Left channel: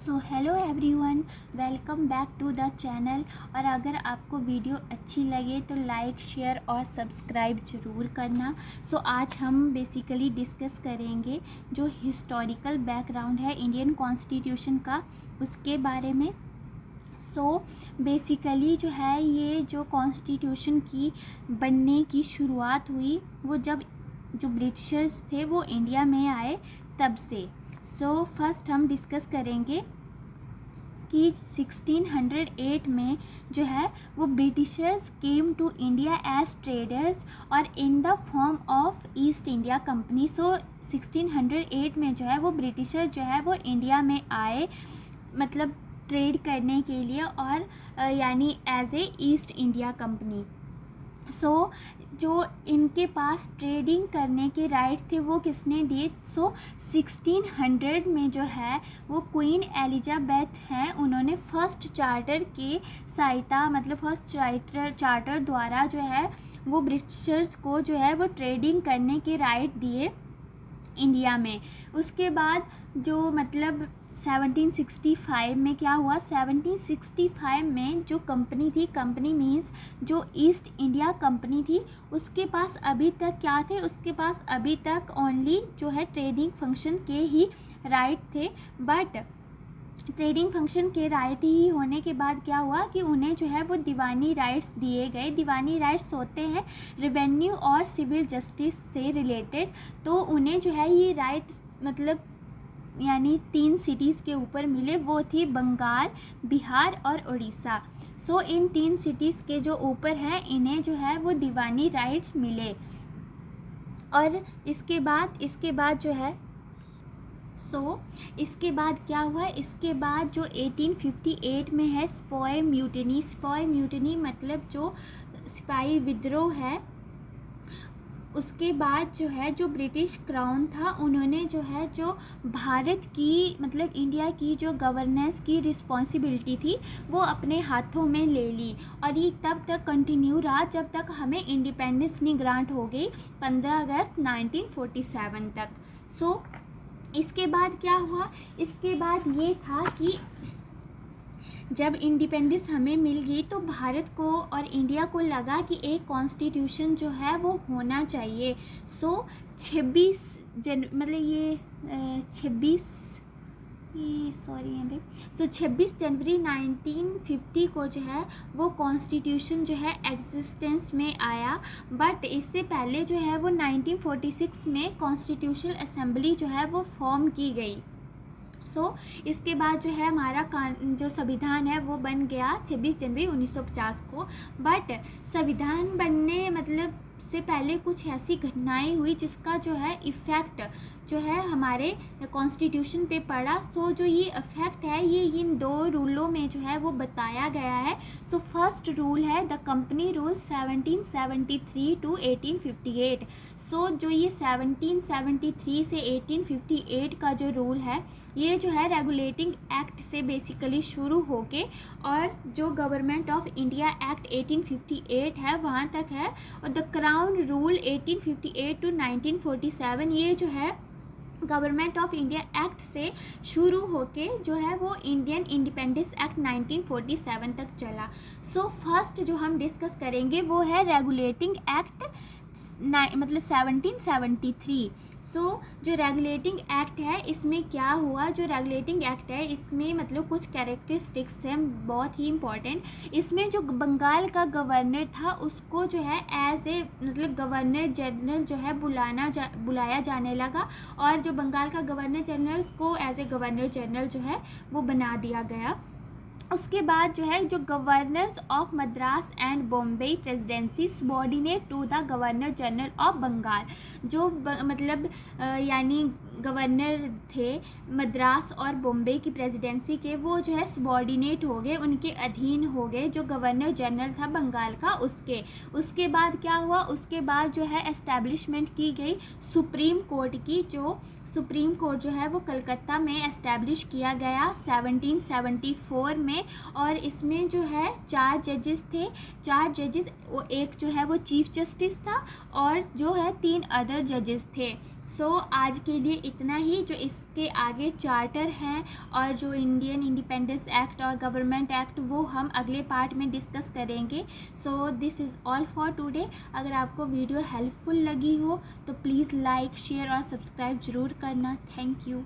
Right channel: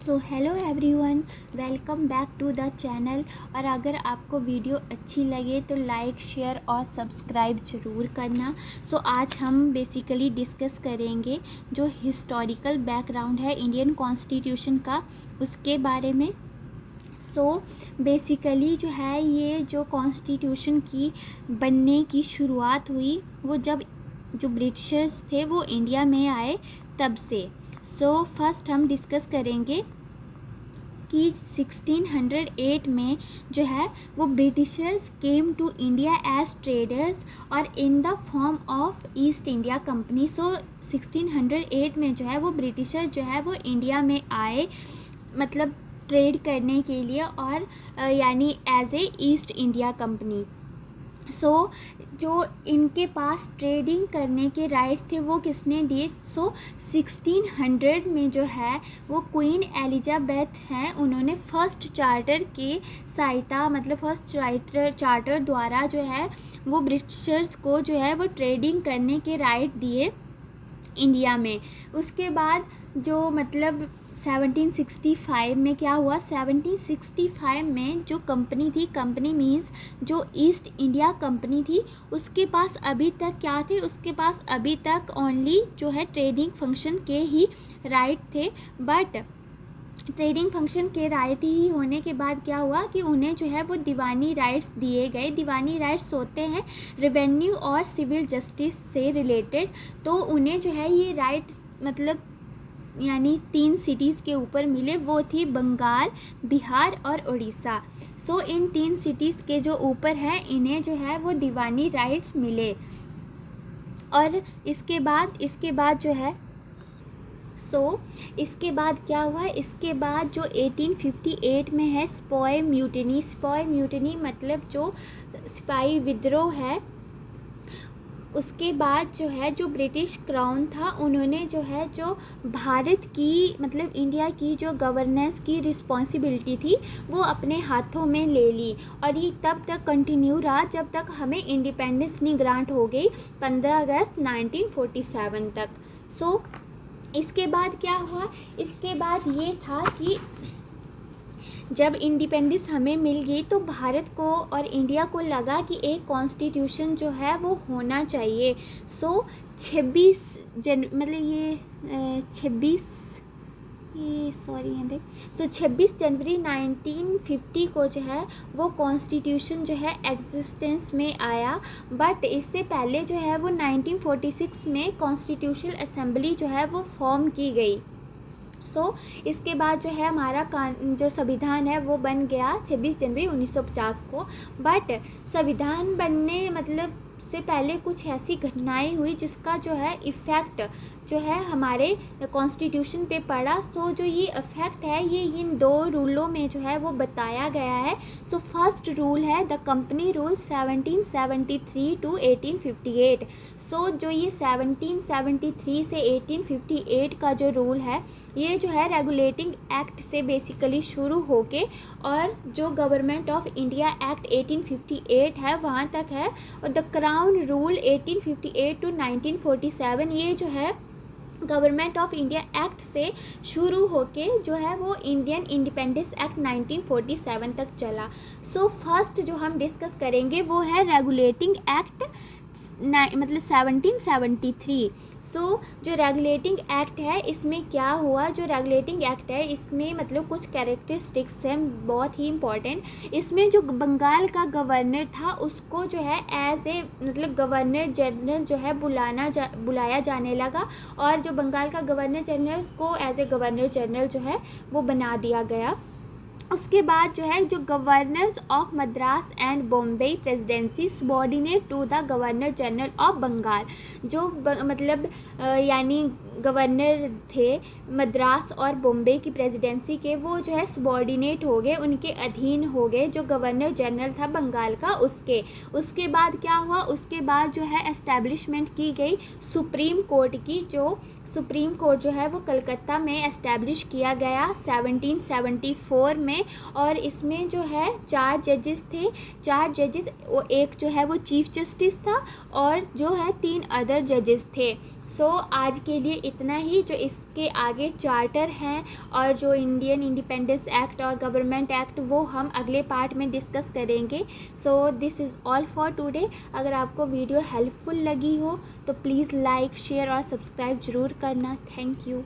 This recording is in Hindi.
So hello everyone, welcome back to the channel. और अगर आपको वीडियो अच्छी लगे तो लाइक, शेयर और सब्सक्राइब ज़रूर करना। सो आज हम बेसिकली डिस्कस करेंगे जो हिस्टोरिकल बैकग्राउंड है इंडियन कॉन्स्टिट्यूशन का, उसके बारे में। सो बेसिकली जो है ये जो कॉन्स्टिट्यूशन की बनने की शुरुआत हुई वो जब जो ब्रिटिशर्स थे वो इंडिया में आए तब से। सो फर्स्ट हम डिस्कस करेंगे कि 1608 में जो है वो Britishers came to India as traders और in the form of East India company. So 1608 में जो है वो ब्रिटिशर जो है वो इंडिया में आए, मतलब ट्रेड करने के लिए, और यानी as a East India company. So जो इनके पास ट्रेडिंग करने के राइट थे वो किसने दिए? सो 1600 में जो है वो क्वीन एलिजाबेथ हैं, उन्होंने फर्स्ट चार्टर की सहायता, मतलब फर्स्ट चार्टर द्वारा जो है वो ब्रिटिशर्स को जो है वो ट्रेडिंग करने के राइट दिए इंडिया में। उसके बाद जो मतलब 1765 में क्या हुआ? 1765 में जो कंपनी थी, कंपनी मीन्स जो ईस्ट इंडिया कंपनी थी, उसके पास अभी तक क्या थे? उसके पास अभी तक ओनली जो है ट्रेडिंग फंक्शन के ही राइट थे। बट ट्रेडिंग फंक्शन के राइट ही होने के बाद क्या हुआ कि उन्हें जो है वो दीवानी राइट्स दिए गए। दीवानी राइट्स होते हैं रेवेन्यू और सिविल जस्टिस से रिलेटेड। तो उन्हें जो है ये राइट्स मतलब यानी 3 सिटीज़ के ऊपर मिले, वो थी बंगाल, बिहार और उड़ीसा। सो इन 3 सिटीज़ के जो ऊपर है इन्हें जो है वो दीवानी राइट्स मिले। और इसके बाद जो है इसके बाद क्या हुआ? इसके बाद जो 1858 में है स्पॉय म्यूटिनी। स्पॉय म्यूटिनी मतलब जो सिपाही विद्रोह है। उसके बाद जो है जो ब्रिटिश क्राउन था उन्होंने जो है जो भारत की मतलब इंडिया की जो गवर्नेंस की रिस्पॉन्सिबिलिटी थी वो अपने हाथों में ले ली। और ये तब तक कंटिन्यू रहा जब तक हमें इंडिपेंडेंस नहीं ग्रांट हो गई, 15 अगस्त 1947 तक। सो इसके बाद क्या हुआ? इसके बाद ये था कि जब इंडिपेंडेंस हमें मिल गई तो भारत को और इंडिया को लगा कि एक कॉन्स्टिट्यूशन जो है वो होना चाहिए। सो 26 जनवरी 1950 को जो है वो कॉन्स्टिट्यूशन जो है एग्जिस्टेंस में आया। बट इससे पहले जो है वो 1946 में कॉन्स्टिट्यूशनल असेंबली जो है वो फॉर्म की गई। इसके बाद जो है हमारा जो संविधान है वो बन गया 26 जनवरी 1950 को। बट संविधान बनने मतलब से पहले कुछ ऐसी घटनाएं हुई जिसका जो है इफ़ेक्ट जो है हमारे कॉन्स्टिट्यूशन पे पड़ा। जो ये इफ़ेक्ट है ये इन 2 रूलों में जो है वो बताया गया है। फर्स्ट रूल है द कंपनी रूल 1773 टू 1858। जो ये 1773 से 1858 का जो रूल है ये जो है रेगुलेटिंग एक्ट से बेसिकली शुरू होके और जो गवर्नमेंट ऑफ इंडिया एक्ट 1858 है वहाँ तक है। और द क्राउन रूल 1858 टू 1947 ये जो है गवर्नमेंट ऑफ इंडिया एक्ट से शुरू होके जो है वो इंडियन इंडिपेंडेंस एक्ट 1947 तक चला। फर्स्ट जो हम डिस्कस करेंगे वो है रेगुलेटिंग एक्ट मतलब 1773। जो रेगुलेटिंग एक्ट है इसमें क्या हुआ? जो रेगुलेटिंग एक्ट है इसमें मतलब कुछ कैरेक्टरिस्टिक्स हैं बहुत ही इम्पॉर्टेंट। इसमें जो बंगाल का गवर्नर था उसको जो है एज ए मतलब गवर्नर जनरल जो है बुलाया जाने लगा। और जो बंगाल का गवर्नर जनरल उसको एज ए गवर्नर जनरल जो है वो बना दिया गया। उसके बाद जो है जो governors of Madras and Bombay presidency subordinate to the governor general of Bengal. जो मतलब यानी गवर्नर थे मद्रास और बॉम्बे की प्रेसिडेंसी के, वो जो है सबॉर्डिनेट हो गए, उनके अधीन हो गए जो गवर्नर जनरल था बंगाल का उसके बाद क्या हुआ? उसके बाद जो है एस्टैब्लिशमेंट की गई सुप्रीम कोर्ट की। जो सुप्रीम कोर्ट जो है वो कलकत्ता में एस्टैब्लिश किया गया 1774 में। और इसमें जो है 4 जजेस थे। 4 जजेस, एक जो है वो चीफ जस्टिस था और जो है 3 अदर जजेस थे। आज के लिए इतना ही। जो इसके आगे चार्टर हैं और जो इंडियन इंडिपेंडेंस एक्ट और गवर्नमेंट एक्ट वो हम अगले पार्ट में डिस्कस करेंगे। So this is all for today. अगर आपको वीडियो हेल्पफुल लगी हो तो प्लीज़ लाइक शेयर और सब्सक्राइब ज़रूर करना। Thank you.